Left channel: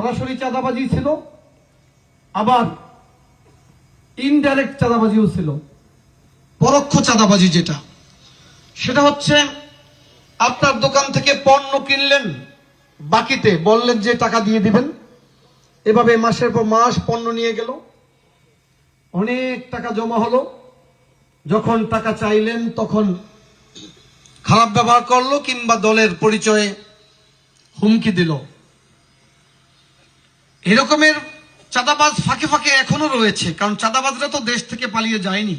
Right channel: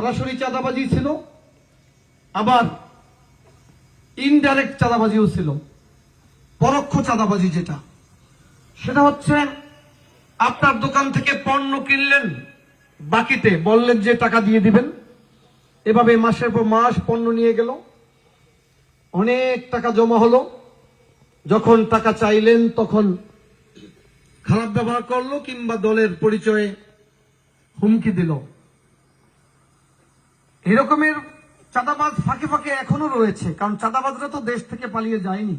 সরাসরি চাঁদাবাজি ছিল, আবার ইনডাইরেক্ট চাঁদাবাজিও ছিল। পরোক্ষ চাঁদাবাজি যেটা, সেটা হচ্ছে আপনার দোকান থেকে পণ্য কিনলেন, বাকিতে বললেন যে টাকা দিয়ে দিবেন, এভাবে মাসের পর মাস পণ্য নিয়ে গেল, অনেক টাকা জমা হলো, যখন টাকা চাইলেন তখন খারাপ ব্যবহার করলো কিংবা দলের পরিচয়ে হুমকি দিল। এরকমের চাঁদাবাজ ফাঁকে ফাঁকে এখনো রয়েছে, কারণ চাঁদাবাজরা তো দেশ থেকে পালিয়ে যায়নি,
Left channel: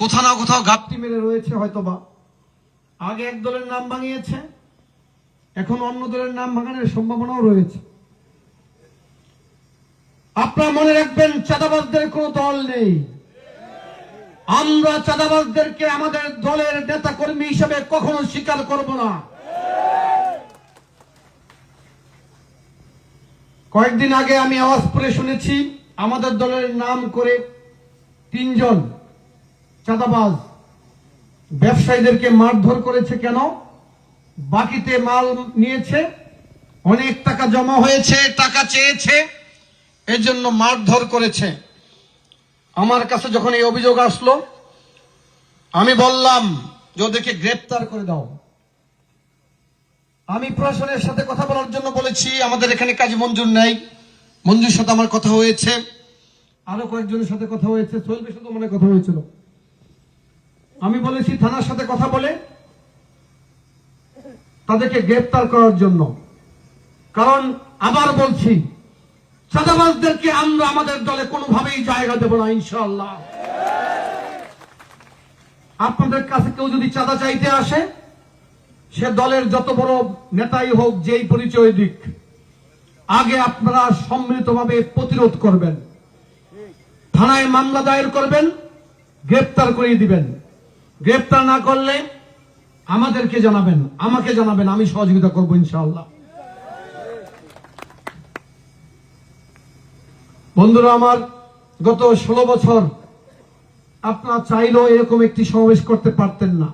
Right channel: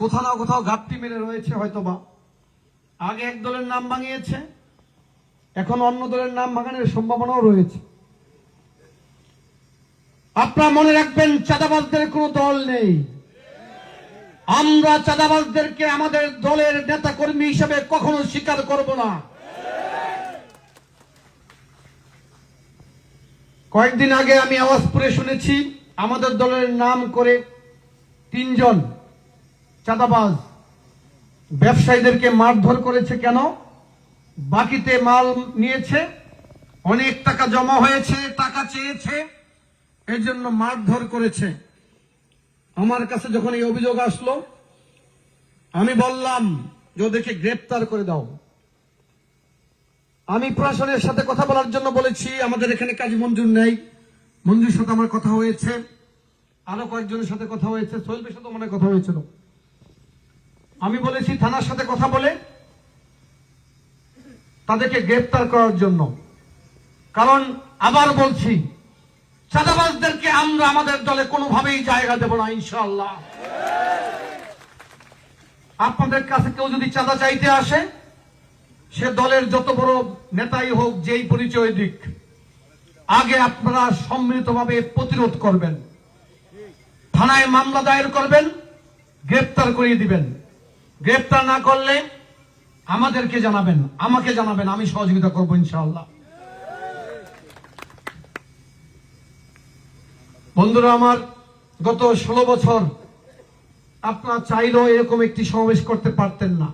কোথাও না কোথাও ঘাপটি মেরে রয়েছে। হয়তোবা আগে এক দলের নাম ভাঙিয়েছে, এখন অন্য দলের নাম ভাঙানোর সম্ভাবনাও রয়েছে। আপনারা মনে রাখবেন, চাঁদাবাজদের কোনো দল নেই। আমরা চাঁদাবাজদেরকে আমাদের দলের নেতা কর্মী হিসেবে কখনো স্বীকার করব না। কয়েকদিন আগে আমি আওয়াজপুরে শুনেছি, আমাদের দলের নাম করে 3 জন চাঁদাবাজ ব্যবসায়ীদেরকে মারধর করেছে। কেন? বাকিতে মাল নিয়েছে, অনেক টাকা জমা হয়েছে, টাকা চেয়েছে, এর জন্য মারধর করেছে। আমার কাছে যখন এই অভিযোগ আসলো, আমি বললাম যে ওদেরকে গ্রেপ্তার করে দাও। আমি প্রশাসনের সাথে কথা বলার জন্য বলেছি, আমাদের এখানে কাজী মঞ্জুর নেই, মঞ্জুর সাথে আমার কথা হয়েছে, আরো কয়েকজনের সাথে কথা হয়েছে, সোহেলের সাথে মনে কথা হয়েছিল। আমি বলেছি থানার সাথে কথা বলে তাদেরকে গ্রেপ্তার করার জন্য। কারণ আবার বলছি, চাঁদাবাজদেরকে আমরা আমাদের দলে কোনোভাবেই জায়গা দেব না, ইনশাআল্লাহ। আপনাদের কাছে কেউ যদি চাঁদা চাইতে আসে, সে দলের যত বড় নেতাই হোক, যেই পরিচয় দিক, আগে আপনারা সম্মিলিতভাবে প্রতিরোধ করবেন, থানায় মামলা দায়ের করবেন, গ্রেপ্তার করিয়ে দিবেন। গ্রেপ্তার না করলে আমাদেরকে জানাবেন, আমাকে জানাবেন, আমি সহযোগিতা করবো ইনশাআল্লাহ। বন্ধুরা আমার, গত 16 বছর আপনারা চাইলেও এরকম একটি সমাবেশ করতে পারতেন না।